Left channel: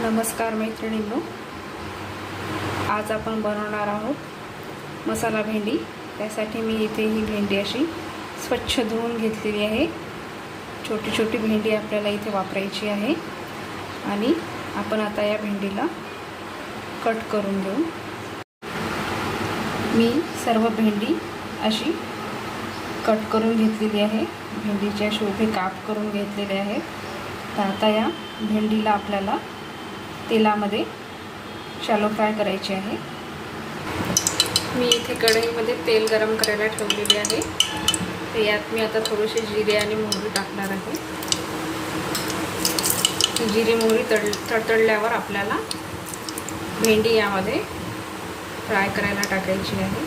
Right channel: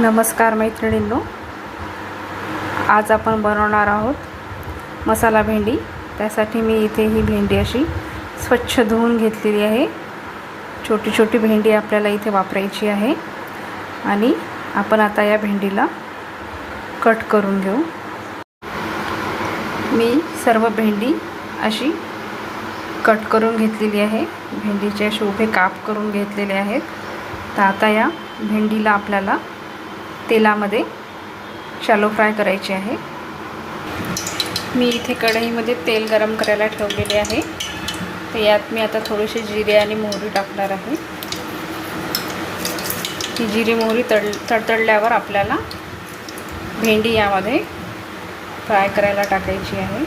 नमस्कार मैत्रिणींनो, आज आपण बनवणार आहोत मसाला भेंडी। त्यासाठी मी इथे ही भेंडी अशी स्वच्छ धुवून घेतलेली आहे। छोटी छोटी भेंडी आपल्याला इथे वापरायची आहे आणि आपण आता या भेंडीला कट करून घेऊ। मी सर्व भेंडी अशी कट करून घेतलेली आहे। भेंडीचे असे उभे काप करून घेतलेले आहेत। तर आता या भेंडीला आपल्याला तेलामध्ये शॅलो फ्राय करायचे आहे। मी इथे कढईमध्ये तेल गरम करायला ठेवलेले आहे। तर यात मी आता थोडेसे जिरे आणि मोहरी टाकणार आहे। ही जिरे मोहरी तडतडल्यावर आपल्याला भेंडी यामध्ये फ्राय करायला टाकायची आहे।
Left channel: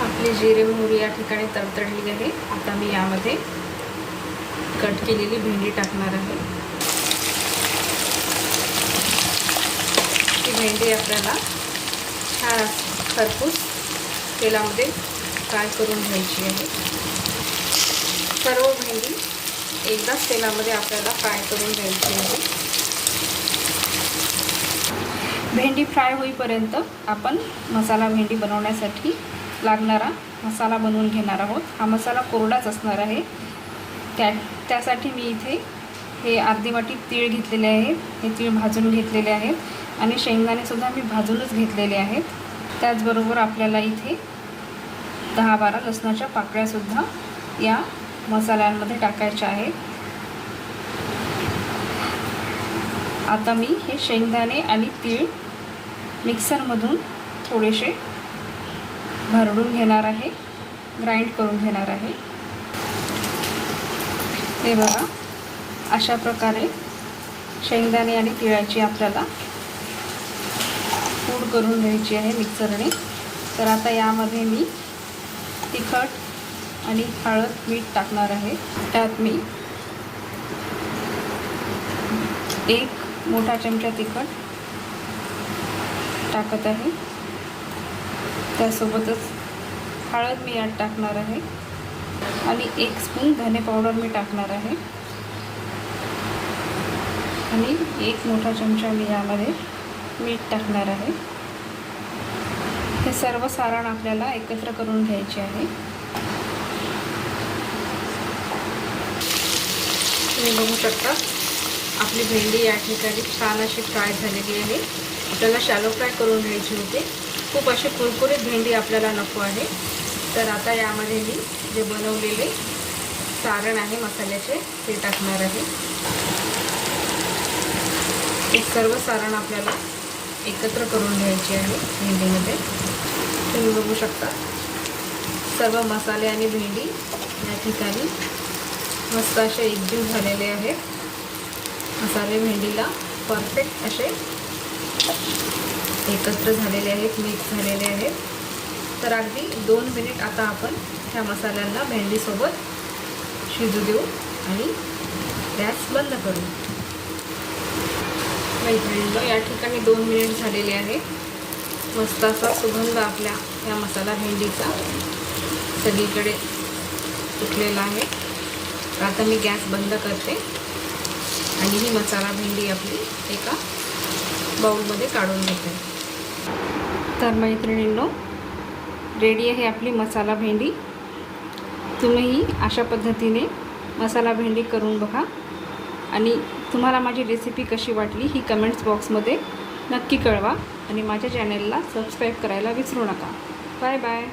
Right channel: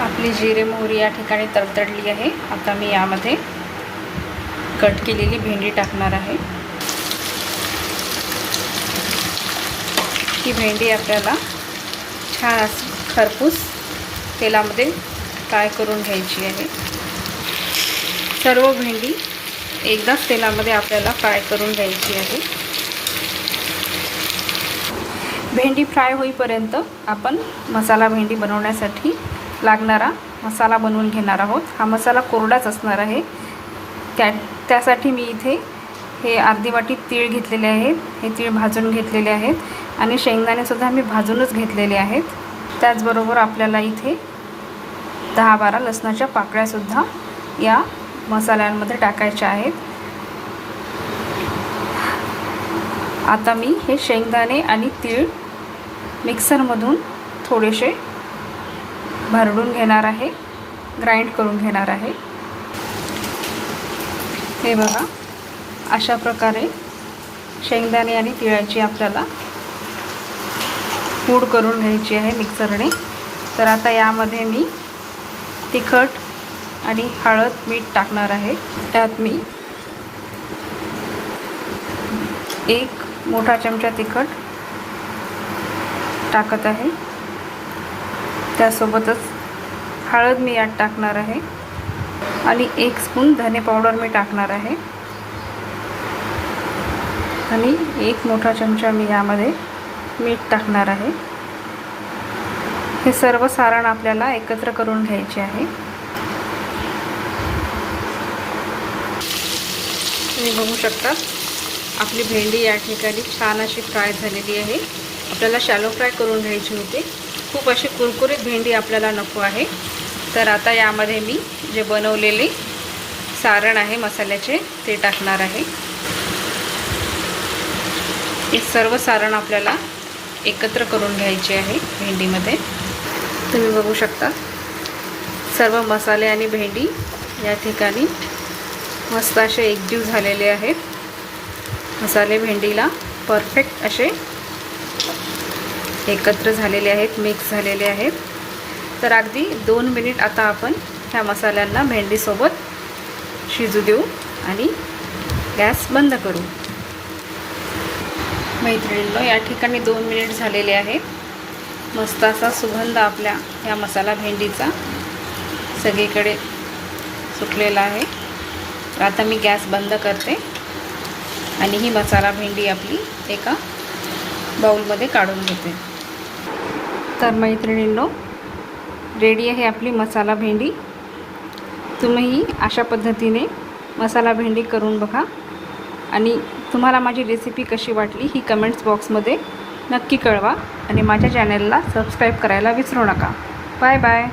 आपली जिरे मोहरी या ठिकाणी तडतडली आहे। आता मी यामध्ये कट केलेली भेंडी टाकणार आहे। ही भेंडी आपल्याला छान खरपूस तेलामध्ये फ्राय करून घ्यायची आहे। सर्व भेंडी एकदाच तेलामध्ये आपल्याला फ्राय करून घ्यायची आहे। भेंडी फ्राय होईपर्यंत आपण मसाला भेंडी बनवण्यासाठी लागणारा मसाला बनवून घेणार आहोत। हा मसाला कोरडाच असणार आहे। त्यासाठी मी इथे हे अर्धी वाटी तीळ घेतलेले आहेत। हे तीळ भाजून घेतलेले आहेत आणि शेंगदाणे सुद्धा मी भाजूनच घेतलेले आहेत। त्याचबरोबर आपल्याला इथे 10-12 लसणाच्या पाकळ्या सुद्धा या मसाल्यांमध्ये टाकायच्या आहेत। आता मी हे शेंगदाणे आणि तीळ मिक्सरमधून थोडेसे भरडून घेणार आहे, ग्राइंड करून घेणार आहे। हे बघा, अशा प्रकारे शेंगदाणे आणि तिळाची आपल्याला पूड करून घ्यायची आहे मिक्सरने। तर आता यामध्ये मी तिखट आणि हळद मीठ टाकणार आहे। त्यात मी 1 मोठा चमचा तिखट टाकत आहे। त्यासोबतच हळद मी यात टाकणार आहे आणि 1 स्पून धने पावडर मी टाकणार आहे आणि 1 मोठा चमचा मी यामध्ये मीठ टाकणार आहे। हे सर्व सारण आपल्याला एकत्र करून घ्यायचे आहे। तुम्ही बघू शकता आपली भेंडी या ठिकाणी छान अशी फ्राय झालेली आहे। आपल्याला शॅलो फ्राय करून घ्यायची होती। खूप अशी कुरकुरीत भेंडी आपल्याला नको आहे। तर आता यामध्ये मी जे बनवलेले सारण आहे मसाल्याचे ते टाकणार आहे। हे सर्व सारण आपल्याला एकत्र करून घ्यायचे आहे भेंडीमध्ये। तुम्ही बघू शकता सर्व मसाले आणि भेंडी या ठिकाणी मस्त असे एकजीव झालेले आहेत। मसाले भेंडीला परफेक्ट असे एकत्र झालेले आहेत, मिक्स झालेले आहेत। तर अगदी 2 मिनिट आता आपण ह्या मसाल्यांना भेंडीसोबत शिजू देऊ आणि गॅस बंद करू। मैत्रिणींनो, या ठिकाणी 2 मिनिट झालेले आहेत। मस्त असा सुगंध आपल्या या मसाला भेंडीचा सगळीकडे सुटलेला आहे। आता मी गॅस बंद करते आणि ही मसाला भेंडी आपली एका बाउलमध्ये काढून घेते। तर मैत्रिणींनो, रेडी आहे आपली मसाला भेंडी। तुम्ही अशा पद्धतीने मसाला भेंडी करून बघा आणि तुम्हाला माझी रेसिपी कशी वाटली ही कमेंट्स बॉक्समध्ये नक्की कळवा आणि माझ्या चॅनलला सबस्क्राईब करायला विसरू नका। Bye bye.